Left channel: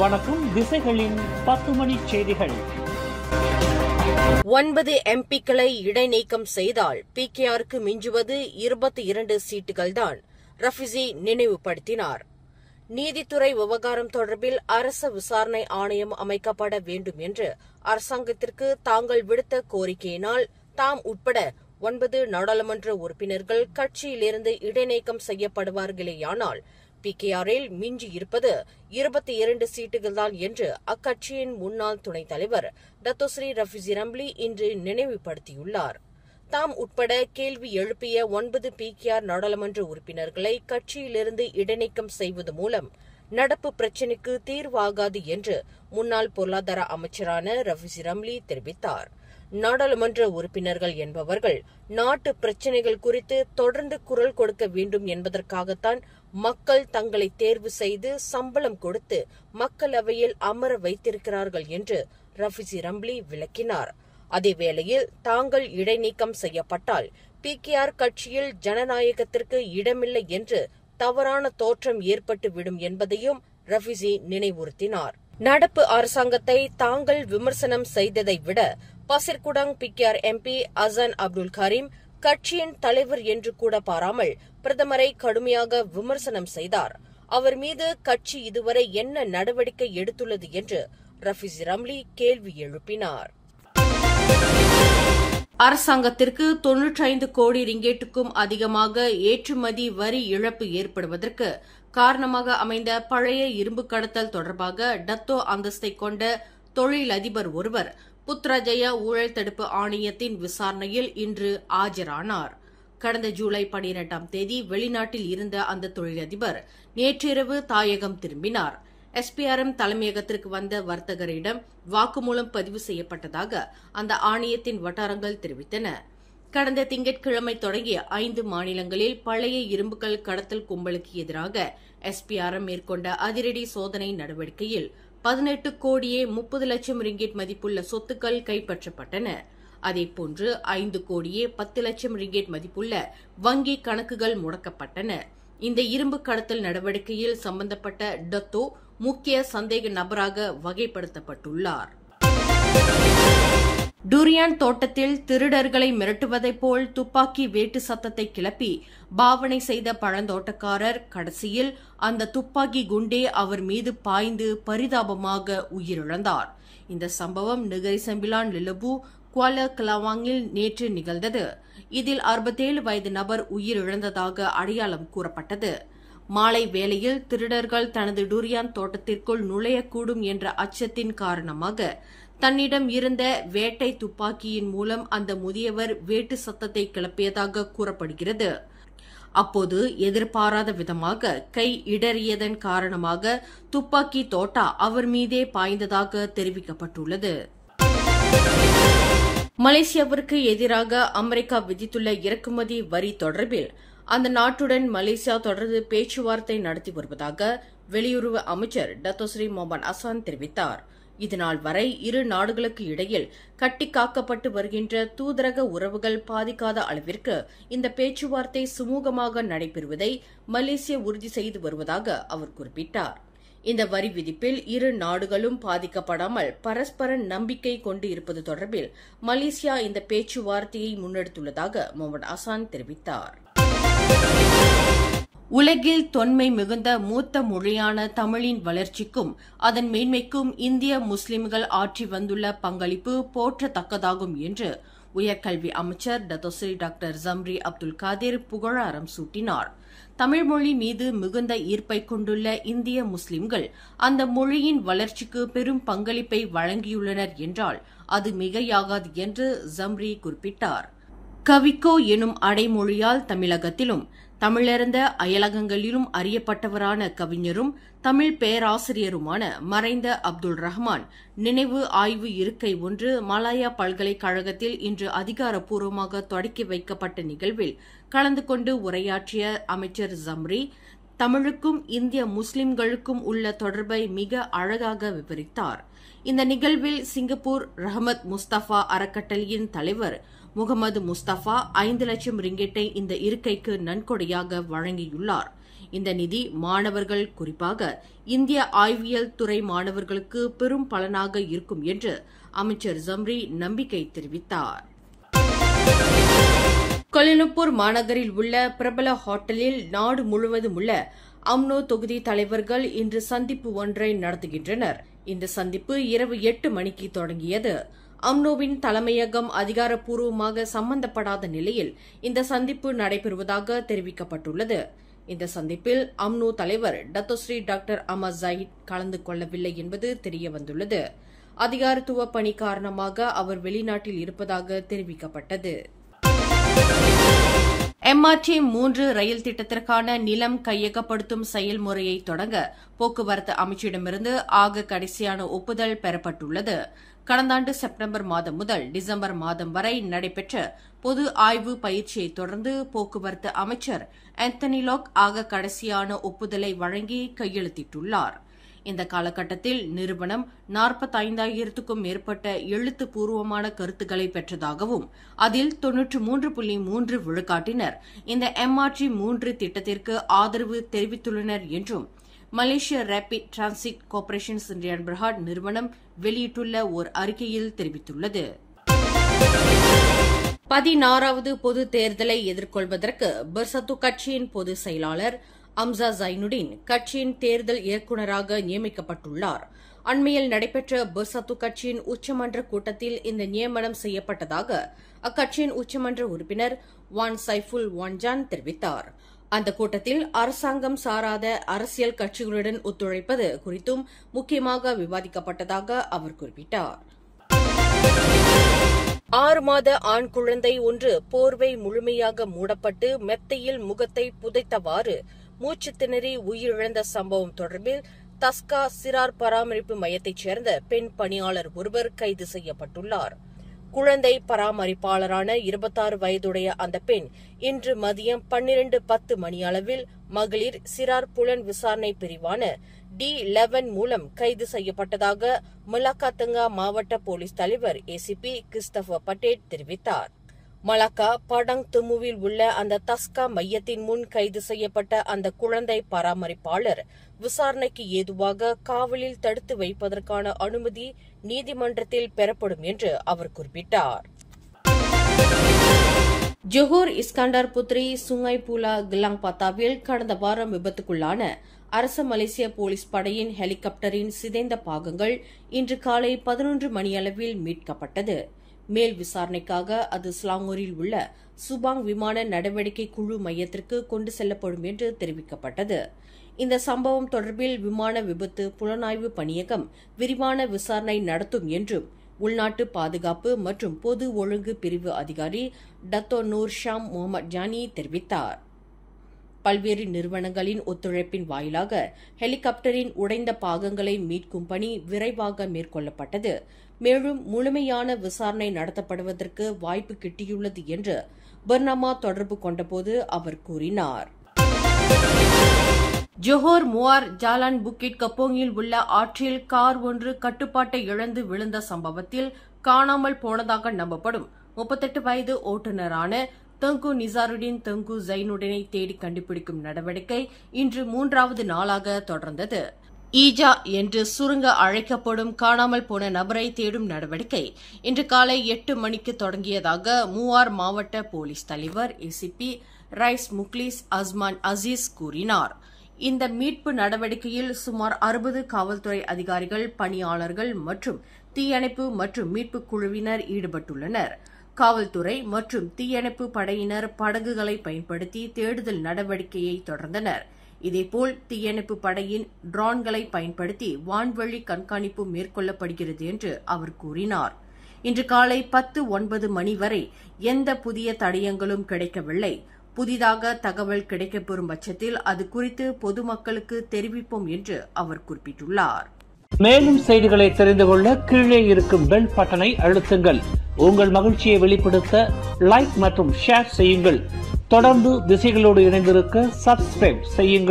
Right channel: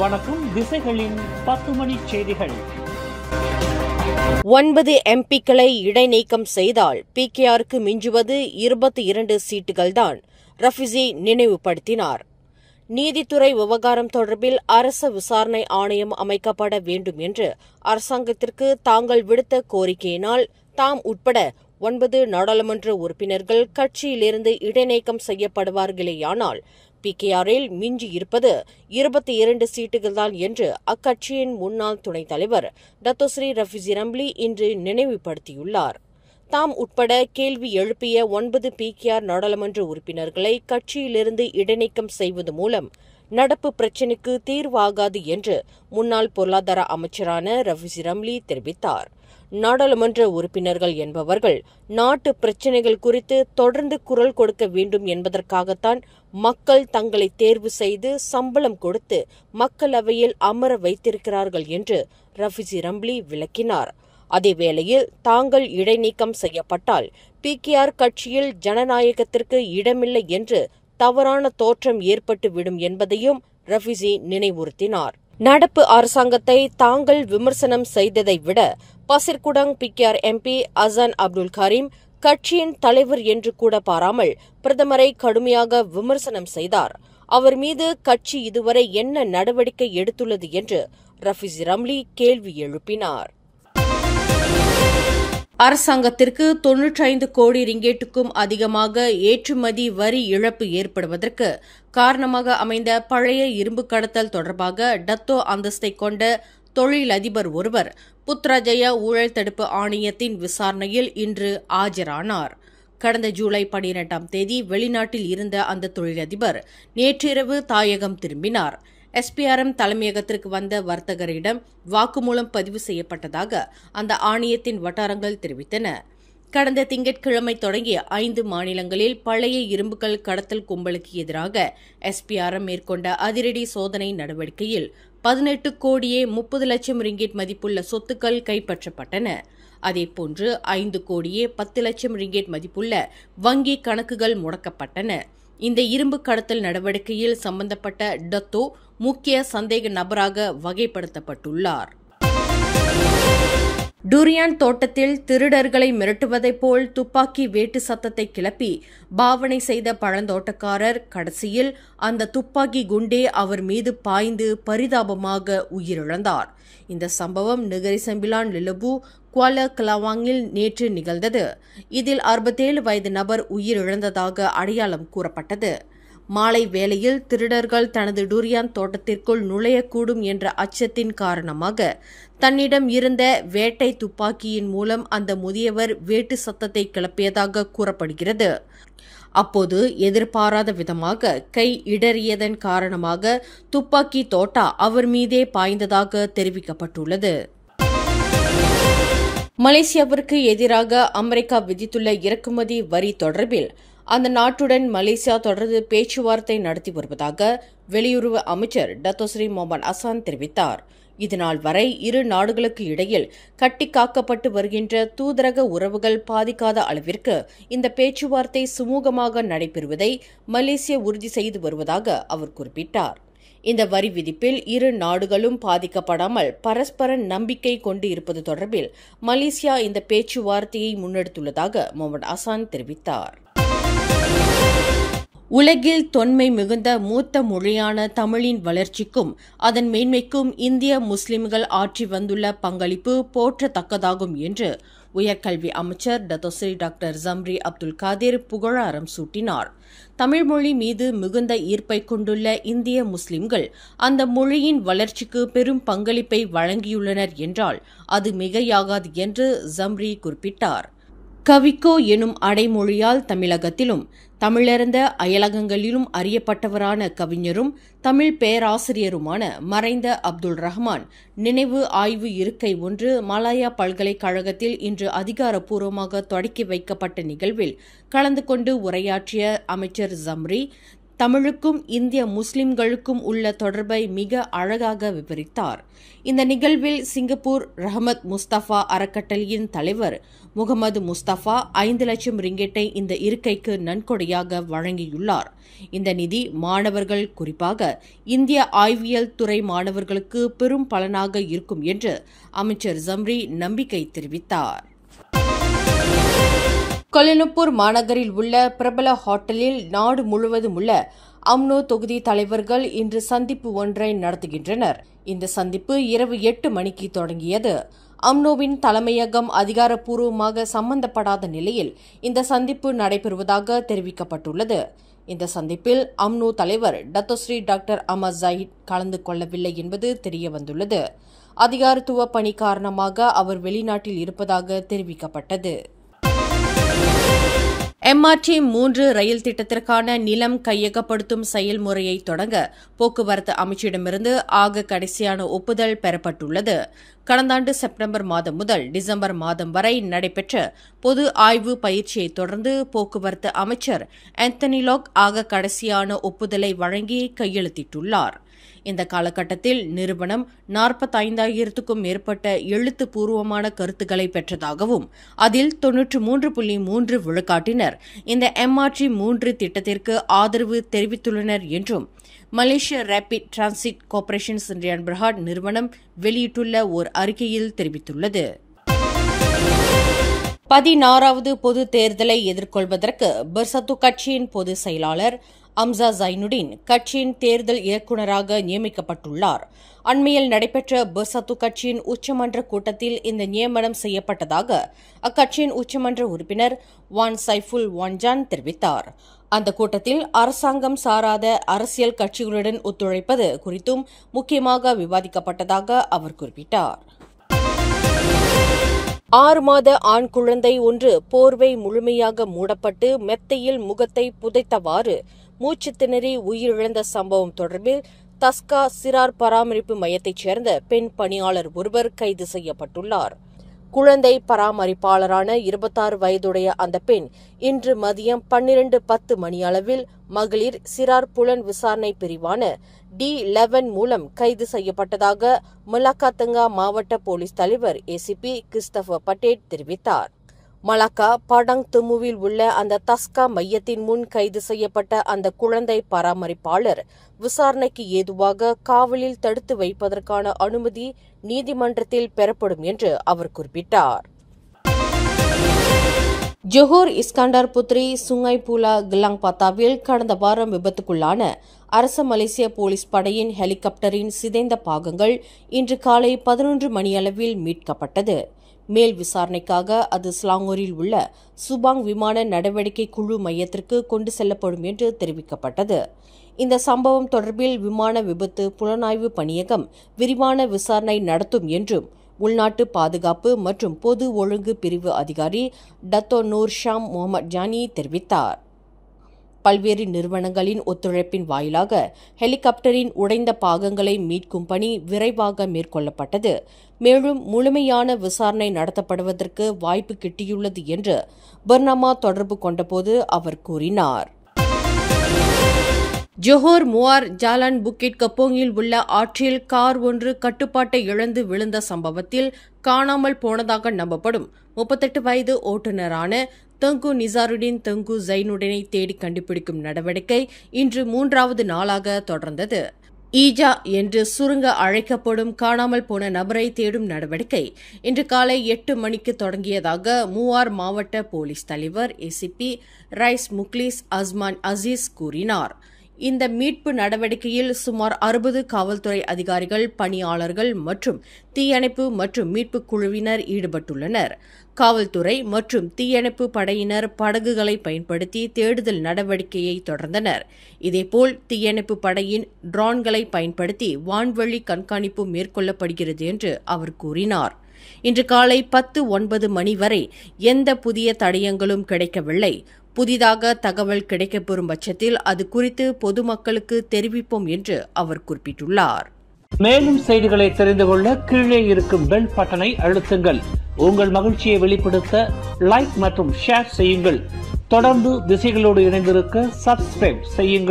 வணக்கம். திசைகளின் 10 மணி செய்திகள். 9 எம்பிக்களை இடைநீக்கம் செய்தால் பிகேஆருக்கு மிஞ்சுவது 22 சீட்டுகள்தான், ரஃபிசி நினைவுபடுத்தினார். நீதித்துறை விவகாரம் தொடர்பில் அரச விசாரணை ஆணையம் அமைக்கப்பட வேண்டும் என்று அரசாங்கத்திற்கு தாங்கள் விடுத்த கோரிக்கையினால் தாம் உட்பட 9 நாடாளுமன்ற உறுப்பினர்கள் கட்சியிலிருந்து இடைநீக்கம் செய்யப்படுவார்களேயானால் பிகேஆரில் மிஞ்சி இருப்பது 22 சீட்டுகள்தான் என்று அக்கட்சியின் முன்னாள் துணைத் தலைவர் டத்தோஸ்ரீ ரஃபிசி ரம்லி இன்று நினைவுபடுத்தியுள்ளார். தாம் உட்பட கேள்வி எழுப்பிய 9 பிகேஆர் நாடாளுமன்ற உறுப்பினர்களை கட்சியிலிருந்து இடைநீக்கம் செய்வது மூலம் நடப்பு பிரச்சினைக்கு தீர்வாகாது என்று முன்னாள் பொருளாதார அமைச்சரான ரஃபிசி ரம்லி தெரிவித்தார். நாடாளுமன்ற உறுப்பினர்கள் என்பவர்கள் நாட்டு பிரச்சினைகள் குறித்து தொடர்ந்து குரல் கொடுக்க வேண்டும் என்பதற்காகத்தான் மக்கள் தங்களை தேர்வு செய்து சம்பளம் கொடுத்து மக்களவையில் அமர வைத்திருக்கிறார்கள் என்று ரஃபிசி ரம்லி விளக்கினார். அதேவேளையில் தாங்கள் இடைநீக்கம் செய்யப்பட்டால் பிகேஆர் கட்சியில் ஜனநாயகத்திற்கு இடமில்லை என்று தவறான தோற்றம் ஏற்பட்டுவிடும் என்பதையும் ரஃபிசி நினைவுறுத்தினார். நடப்பு அரசாங்கத்தை தாங்கள் விமர்சனம் செய்ததை விட பசிர்குடங் பிகேஆர் எம்பி அசான் அப்துல் கரீம் கட்சியின் தலைவர் என்று கூட பாராமல் பிரதமரை கடுமையாக விமர்சனம் செய்தார். அவர் மீது கட்சி இதுவரை என்ன நடவடிக்கை எடுத்துள்ளது என்று ரஃபிசி ரம்லி கேள்வி எழுப்பினார். அரசாங்கத்திற்கு 95 கோடி ரிங்கேட்டுக்கும் அதிகமாக ஏற்றுமதி வரி இழப்பு ஏற்படுவதற்கு காரணமாக அமைந்த பழைய இரும்பு கடத்தல் தொடர்பாக டத்தோ அந்தஸ்தை கொண்ட தொழிலதிபர் ஒருவர் புத்ராஜய ஊழல் தடுப்பு ஆணையத்தின் விசாரணையில் இன்று ஆஜரானார். கடந்த ஜூலை 12ஆம் தேதி வெளிநாட்டில் இருந்த அந்த தொழிலதிபர் நேற்றிரவு தாயகம் திரும்பினார். எஸ்பிஆர்எம் தலைமையகத்திற்கு வந்த வர்த்தகரிடம் வாக்குமூலம் பதிவு செய்யப்பட்டதாக அந்த ஆணையத்தின் வட்டாரங்கள் தெரிவித்தன. கடந்த திங்கட்கிழமை தொடங்கிய 5 மாநிலங்களில் பழைய இரும்புகள் கடத்தல் கும்பலுக்கு எதிராக எஸ்பிஆர்எம் மேற்கொண்ட அதிரடி சோதனை நடவடிக்கையில் 18 கோடியே 30 லட்சம் ரிங்கெட் மதிப்புள்ள சொத்துக்கள் கைப்பற்றப்பட்டன. அதேபோன்று 5 கோடியே 10 லட்சம் ரிங்கெட் மதிப்புள்ள வங்கி கணக்குகள் முடக்கப்பட்டன. இந்த இரும்பு கடத்தல் நடவடிக்கையில் சம்பந்தப்பட்ட டத்தோ முக்கிய சந்தேக நபராக வகைப்படுத்தப்பட்டுள்ளார். டூரியான் தோட்டத்தில் திருடர்களை மிரட்டுவதைப் போல் துப்பாக்கி வேட்டு சத்தத்தை கிளப்பி பாவனை செய்த பழந்தோட்டக்காரர் கடைசியில் அந்த துப்பாக்கி குண்டே அவர் மீது பாய்ந்து பரிதாபமாக உயிரிழந்தார். இந்த சம்பவம் நெகரி செம்பிலான் லிலபு குவாலா கலாவாங்கில் நேற்று நிகழ்ந்தது. இதில் 67 வயது நபர் உயிரிழந்ததாக அடையாளம் கூறப்பட்டது. மாலை வேளையில் திருடர்கள் தனது டூரியான் தோட்டத்திற்குள் நுழையக்கூடும் என்ற அச்சத்தின் காரணமாக தன்னிடம் இருந்த வேட்டை துப்பாக்கியின் மூலம் அந்த முதியவர் வேட்டு சத்தத்தை கிளப்பியதாக கூறப்படுகிறது. அப்போது எதிர்பாராத விதமாக கை இடறியதன் காரணமாக துப்பாக்கி தோட்டா அவர் மீதே பாய்ந்ததாக தெரிவிக்கப்பட்டுள்ளது. மலேசியாவிற்கு எதிராக அமெரிக்கா விதித்துள்ள இறக்குமதி வரி தொடர்பில் அந்த நாட்டுடன் மலேசியா தொடர்ந்து பேச்சுவார்த்தை நடத்தி வருவதாக வெளியுறவு அமைச்சர் டத்தோஸ்ரீ மொஹமட் அசான் தெரிவித்தார். இதுநாள் வரை இரு நாடுகளுக்கு இடையில் கட்டிக்காக்கப்பட்டு வருகின்ற தூதரக உறவுகள் பாதிக்காத அளவிற்கு இந்த பேச்சுவார்த்தை சுமூகமாக நடைபெறுவதை மலேசியா உறுதி செய்து வருவதாக அவர் குறிப்பிட்டார். இந்த வரி விதிப்பில் இரு நாடுகளும் பாதிக்கப்படாமல் பரஸ்பர நம்பிக்கை கொண்டு இருப்பது தொடர்பில் மலேசியா இந்த பேச்சுவார்த்தையை முன்னெடுத்துள்ளதாக முகமது அசான் தெரிவித்தார். உலகில் தொன்மை மிகுந்த மூத்த மொழியான தமிழின் வளர்ச்சிக்கும் அதன் மேன்மைக்கும் இந்திய முஸ்லிம்கள் ஆற்றி வந்துள்ள பங்களிப்பு போற்றத்தக்கதாகும் என்று உயர்கல்வி அமைச்சர் Dato' Sri doctor Zambry Abdul Kadir புகழாரம் சூட்டினார். தமிழ்மொழி மீது மிகுந்த ஈர்ப்பை கொண்டுள்ள இந்திய முஸ்லிம்கள் அந்த மொழியின் வளர்ச்சிக்கு பெரும் பங்களிப்பை வழங்கியுள்ளனர் என்றால் அது மிகையாகாது என்று ஜம்ரி குறிப்பிட்டார். கவிக்கோ எனும் அடைமொழியால் தமிழகத்திலும் தமிழர்ந்த அயலகங்களிலும் அறியப்பட்டவரான கவிஞரும் தமிழ் பேராசிரியருமான மறைந்த அப்துல் ரஹ்மான் நினைவு ஆய்வு இருக்கை ஒன்று மலாயா பல்கலைக்கழகத்தில் இன்று அதிகாரப்பூர்வமாக தொடக்கி வைக்கப்பட்ட நிகழ்வில் கலந்து கொண்டு உரையாற்றிய அமைச்சர் ஜம்ரி தமிழுக்கும் இந்திய முஸ்லிம்களுக்கும் உள்ள தொடர்பை மிக அழகாக விவரித்தார். இந்த நிகழ்வில் சிங்கப்பூர் ரஹமத் முஸ்தபா அறக்கட்டளையின் தலைவர் முகமது முஸ்தபா 5 லட்சம் ரிங்கெட்டை இந்த இருக்கைக்கு நன்கொடையாக வழங்கியுள்ளார். இந்த நிதி மாணவர்கள், குறிப்பாக இந்திய ஆய்வியல் துறை மாணவர்களுக்கு பெரும் பலனாக இருக்கும் என்று அமைச்சர் ஜம்ரி நம்பிக்கை தெரிவித்தார். கோலாலம்பூர் மாநகரில் உள்ள பிரபல ஹோட்டலில் நாடு முழுவதும் உள்ள அம்னோ தொகுதி தலைவர்கள் இன்று சந்திப்பு ஒன்றை நடத்துகின்றனர். இந்த சந்திப்பு இரவு 8 மணிக்கு தொடங்கியது. அம்னோவின் தலைமையகம் அதிகாரப்பூர்வமாக சம்பந்தப்படாத நிலையில் இந்த சந்திப்பு நடைபெறுவதாக தெரிவிக்கப்பட்டுள்ளது. இந்த சந்திப்பில் அம்னோ தலைவர் டத்தோஸ்ரீ டாக்டர் அமர் ஜாயித் கலந்து கொள்ளவில்லை என்பது தெரியவந்துள்ளது. அதிகாரத்துவ பணி காரணமாக அவர் வெளிநாட்டில் இருப்பதாக தெரிவிக்கப்பட்டது. MRT 3 ரயில் திட்டத்திற்கான நிலம் கையகப்படுத்தும் செயல்முறையை தொடங்க போக்குவரத்து அமைச்சிடமிருந்து ஆக கடைசியான ஒப்புதல் பெறப்பட்டுள்ளது. கடந்த ஆண்டு செப்டம்பர் மாதம் முதல் டிசம்பர் மாதம் வரை நடைபெற்ற பொது ஆய்வு பயிற்சியை தொடர்ந்து போக்குவரத்து அமைச்சர் ஆந்தனி லாக் ஆக கடைசியான ஒப்புதலை வழங்கி கையெழுத்திட்டுள்ளார். இந்த காலகட்டத்தில் நிறுவனம் 45,000க்கும் மேற்பட்ட எழுத்துப்பூர்வமான கருத்துக்களை பெற்றதாகவும் அதில் 93.3 விழுக்காட்டினர் இந்த MRT 3 திட்டத்திற்கு ஆதரவு தெரிவித்துள்ளனர் என்றும் மலேசிய ரேபிட் டிரான்சிட் கார்ப்பரேஷன் சிண்டியன் பிரஹாட் நிறுவனம் வெளியிட்டுள்ள ஓர் அறிக்கையில் தெரிவித்துள்ளது. 16வது பொது தேர்தலை எதிர்கொள்வதற்கு பெர்சத்து கட்சியின் பொதுச் செயலாளர் அம்சா ஜைனுடின் கட்சியின் தேர்தல் இயக்குநராக நியமிக்கப்பட்டுள்ளார். அண்மையில் நடைபெற்ற பெர்சத்து கட்சியின் உச்சமன்ற கூட்டத்தில் இந்த நியமனம் செய்யப்பட்டதாக அக்கட்சியின் உச்சமன்ற உறுப்பினர் வான் சைஃபுல் வான்ஜான் தெரிவித்தார். அந்த கூட்டத்தில் அரசாங்கம் சாராத அரசியல் கட்சிகளுடன் ஒத்துழைப்பது குறித்தும் முக்கியமாக விவாதிக்கப்பட்டதாக அவர் குறிப்பிட்டார். 6 மாத ஆண் குழந்தை ஒன்று போர்வை முழுமையாக மூடப்பட்டு மெத்தையில் முகத்தை புதைத்தவாறு மூச்சு திணறி உயிரிழந்த சம்பவம் தொடர்பில் தஸ்கா சிறார் பராமரிப்பு மையத்தைச் சேர்ந்த பெண் பணியாளர் ஒருவர் கைது செய்யப்பட்டுள்ளார். குழந்தை பராமரிப்பாளரான 26 வயதுடைய அந்த பெண் இன்று மதியம் 12:10 மணியளவில் மகளிர் சிறார் புலன் விசாரணை பிரிவான D11 மூலம் கைது செய்யப்பட்டதாக மலாக்கா மாவட்ட போலீஸ் தலைவர் ACP கிறிஸ்டபர் பட்டேட் தெரிவித்தார். மலாக்கா படங் துமுவில் உள்ள அந்த தஸ்கா மையத்தின் முன் கைது செய்யப்பட்ட அந்த குழந்தை பராமரிப்பாளர் விசாரணைக்கு ஏதுவாக காவலில் தடுத்து வைப்பதற்கான அனுமதி நீதிமன்றத்தில் பெறப்படும் என்று அவர் குறிப்பிட்டார். ஜொஹோர் இஸ்கண்டார் புத்ரி சுங்காய் பூலா கிலாங் பத்தாவில் கடந்த வாரம் விபத்துக்குள்ளான அரச மலேசிய போலீஸ் படையின் ஹெலிகாப்டரின் சிதைந்த பாகங்கள் இன்று காலை 11 மணியளவில் மீட்கப்பட்டது. மேல் விசாரணைக்காக அது ஸ்லாங்கூரில் உள்ள சுபாங் விமான நடவடிக்கை குழு மையத்திற்கு கொண்டு செல்லப்படும் என்று தெரிவிக்கப்பட்டது. இந்த சம்பவம் தொடர்பில் விமான விபத்து புலனாய்வு பணியகம் விரிவான விசாரணை நடத்தும் என்றும் உள்நாட்டு பாதுகாப்பு மற்றும் பொது ஒழுங்கு பிரிவு அதிகாரி டத்தோ நூர் ஷாம் முகமது ஜானி தெரிவித்தார். பல்வேறு நிறுவனங்களின் ஒத்துழைப்பின் வாயிலாக ஹெலிகாப்டரின் உடைந்த பாகங்களை மீட்கும் பணி விரைவாக மேற்கொள்ளப்பட்டது. மேலும் முழுமையான விசாரணை நடத்தப்படுவதற்கு வாய்ப்பு கிட்டியுள்ளது என்று பர்னாமா தொடர்பு கொண்டபோது அவர் கூறினார். ஜொஹோர் முவார் ஜாலான் புக்கிட் கப்போங்கில் உள்ள ஆற்றில் கார் ஒன்று கட்டுப்பாட்டை இழந்து விழுந்த சம்பவத்தில் காணாமல் போனதாக நம்பப்படும் 38 வயது ஓட்டுநரான தங்கு நிசாருடின் தங்கு ஜைனுடனை தேடி கண்டுபிடிக்கும் நடவடிக்கை இன்று 3வது நாளாக தொடர்ந்தது. ஈஜா என்று சுருங்க அழைக்கப்படும் காணாமல் போன நபரை தேடும் நடவடிக்கை இன்று காலை 8 மணிக்கு தொடங்கியதாக மூவார் மாவட்ட போலீஸ் தலைவர் ACP ரைஸ் முக்லிஸ் அஸ்மான் அசீஸ் கூறினார். இந்த மீட்பு நடவடிக்கையில் சுமார் 60 காவல்துறை அதிகாரிகள், பணியாளர்கள் மற்றும் தீயணைப்பு மற்றும் மீட்பு குழுவினர் ஈடுபட்டுள்ளனர். காவல்துறை மற்றும் தீயணைப்பு படையினர் படகுகளை பயன்படுத்தி தேடுதல் நடவடிக்கையை தொடர்ந்தனர். இதேபோல் தீயணைப்பு படையின் ட்ரோன்களை பயன்படுத்தி வான்வழி கண்காணிப்பு மேற்கொள்ளப்படுகிறது என்று அவர் கூறினார். இன்று காலை 10:09 மணி வரை எந்த புதிய தடயங்களும் கிடைக்கவில்லை. புதிதாக தகவல் கிடைக்கப்பெறும் பட்சத்தில் அது குறித்து பொதுமக்களுக்கு தெரிவிப்போம் என்று அவர் குறிப்பிட்டுள்ளார். மேலும் செய்திகளை தெரிந்து கொள்ள கீழே இருக்கும் பெல் பட்டனை அழுத்துங்கள். உங்கள் மகிழ்ச்சியை வெளிப்படுத்த லைக் மற்றும் ஷேர் செய்யுங்கள். தொடர்ந்து திசைகளோடு இணைந்திருக்க சப்ஸ்கிரைப் செய்யுங்கள்.